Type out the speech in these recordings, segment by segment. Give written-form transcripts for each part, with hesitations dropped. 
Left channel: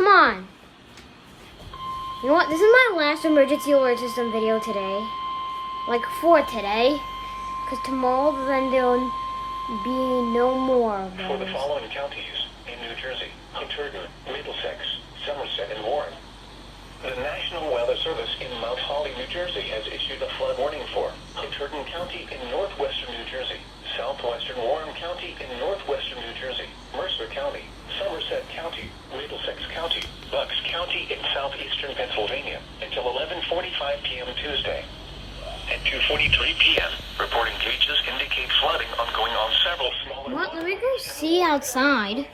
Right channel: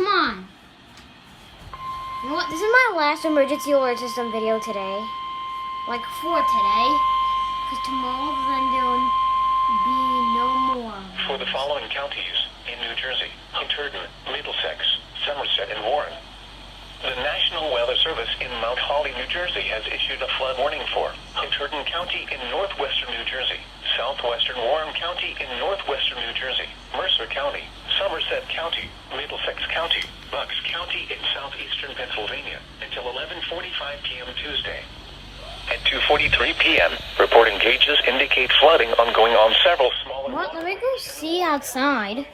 come on. You know what? This is my last emergency alert system video today. Like for today. Because tomorrow then there'll be no more. For the following counties in New Jersey: Hunterdon, Middlesex, Somerset, and Warren. The National Weather Service in Mount Holly, New Jersey has issued a flood warning for Hunterdon County in northwestern New Jersey, southwestern Warren County in northwestern New Jersey, Mercer County, Somerset County, Middlesex County, Bucks County in southeastern Pennsylvania until 11:45 p.m. Tuesday. At 2:43 p.m., reporting gauges indicate flooding ongoing on several small... What? Let me go see outside.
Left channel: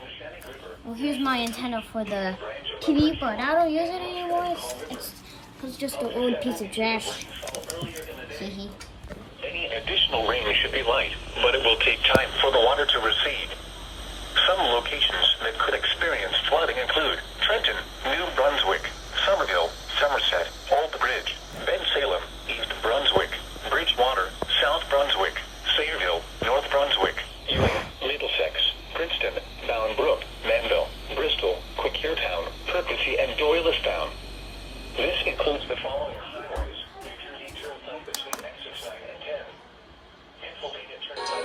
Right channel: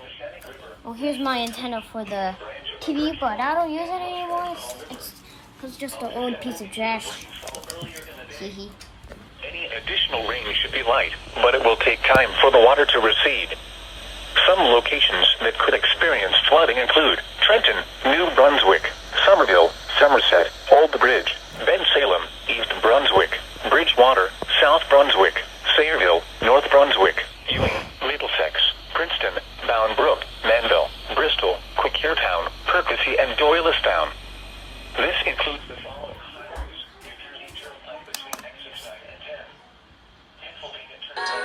Oh, here's my antenna for the TV, but I don't use it anymore. It's just an old piece of trash. Any additional rain should be light, but it will take time for the water to recede. Some locations that could experience flooding include Trenton, New Brunswick, Somerville, Somerset, Old Bridge, Bensalem, East Brunswick, Bridgewater, South Brunswick, Sayreville, North Brunswick, Ewing, Middlesex, Princeton, Bound Brook, Manville, Bristol, Quakertown, Percy, and Doylestown. This includes the following highways: New Jersey Turnpike between exits 9 and 10. Pennsylvania Turnpike.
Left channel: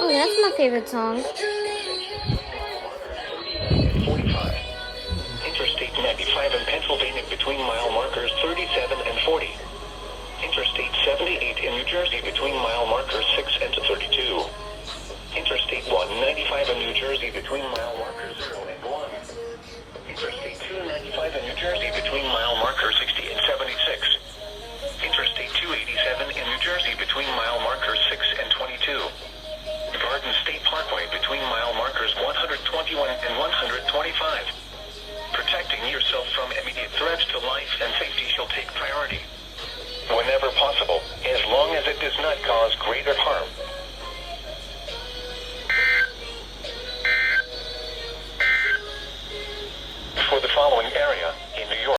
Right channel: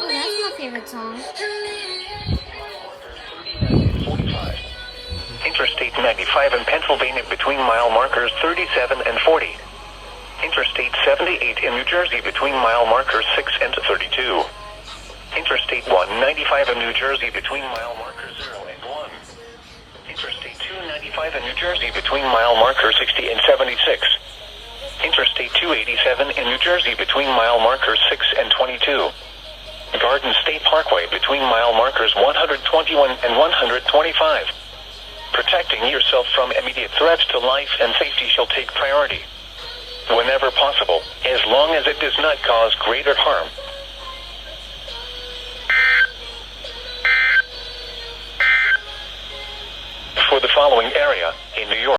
Oh, that's my favorite song. 45. Interstate 95 in Pennsylvania between mile markers 37 and 40. Interstate 78 in New Jersey between mile markers 6 and 32. Interstate 195 in New Jersey between mile markers 0 and 1. Interstate 295 in New Jersey between mile markers 60 and 76. Interstate 287 in New Jersey between mile markers 6 and 22. Garden State Parkway between mile markers 121 and 125. Protecting yourself from immediate threats to life and safety shall take priority. Whenever possible, as long as it does not cause greater harm,